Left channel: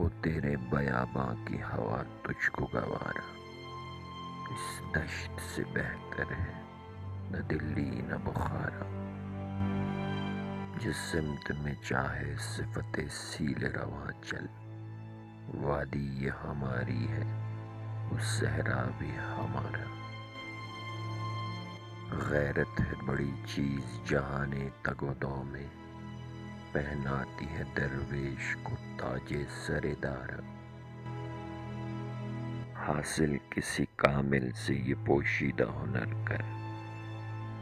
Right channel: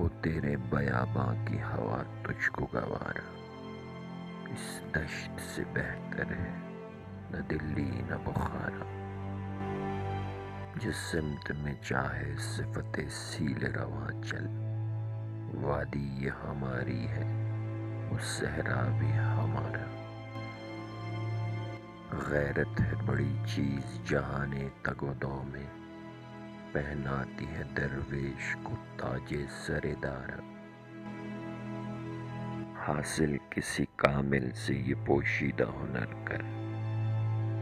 ہو تیرے بیاباں کی ہوا تجھ کو گوارا، اس دشت سے بہتر ہے نہ دلی نہ بخارا، جس سمت میں چاہے صفت سیل رواں چل، وادی یہ ہماری ہے وہ صحرا بھی ہمارا، غیرت ہے بڑی چیز جہان تگ و دو میں، پہناتی ہے درویش کو تاج سر دارا، حاصل کسی کامل سے یہ پوشیدہ ہنر کر،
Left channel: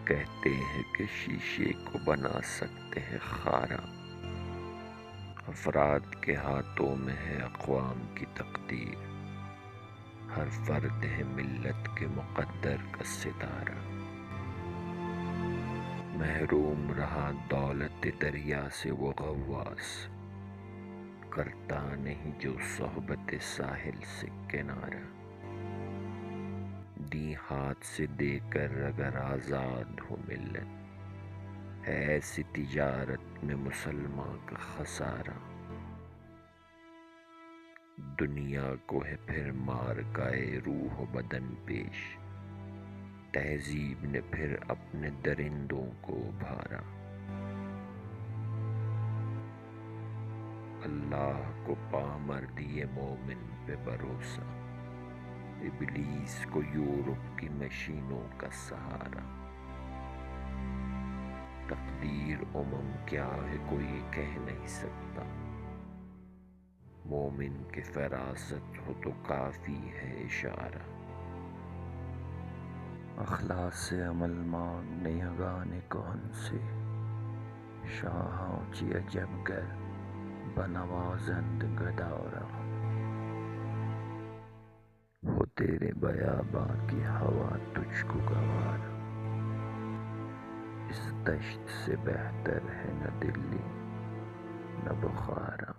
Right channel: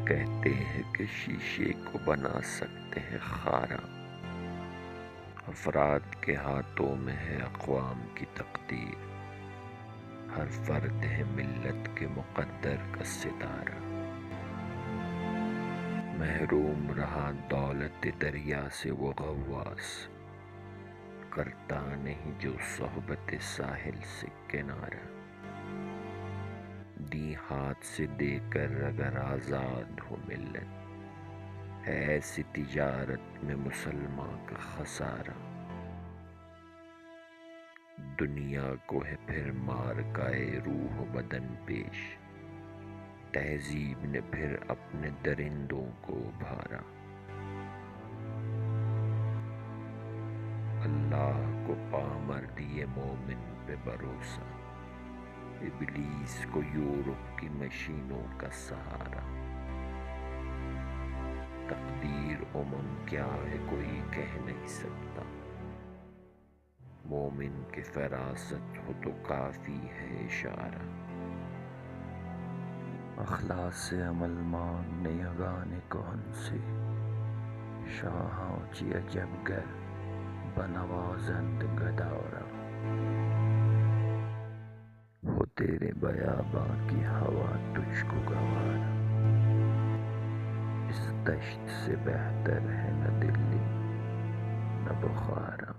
کہتے ہیں کہ شیشے کو بنا سکتے ہیں خارا، افراد کے ہاتھوں میں ہے اقوام کی تقدیر، ہر فرد ہے ملت کے مقدر کا ستارہ، محروم رہا دولت دریا سے وہ غواص، کرتا نہیں جو صحبت ساحل سے کنارہ، دی ہاتھ سے دے کر اگر آزاد ہو ملت، ہے ایسی تجارت میں مسلمان کا خسارہ، دنیا کو ہے پھر مارکائے روح و بدن پیش، تہذیب نے پھر اپنے درندوں کو ابھارا، اللہ کو پامردی مومن پہ بھروسہ، ابلیس کو یورپ کی مشینوں کا سہارا، تقدیر کیا ہے کوئی کہہ نہیں سکتا، مومن کی فراست ہو تو کافی ہے اشارہ، اخلاص سے عمل مانگنے یگانے کون سے، شاہاں چی عجب گر بنوازند گدارا، ہو تیرے بیاباں کی ہوا تجھ کو گوارا، اس دشت سے بہتر ہے نہ دلی نہ بخارا۔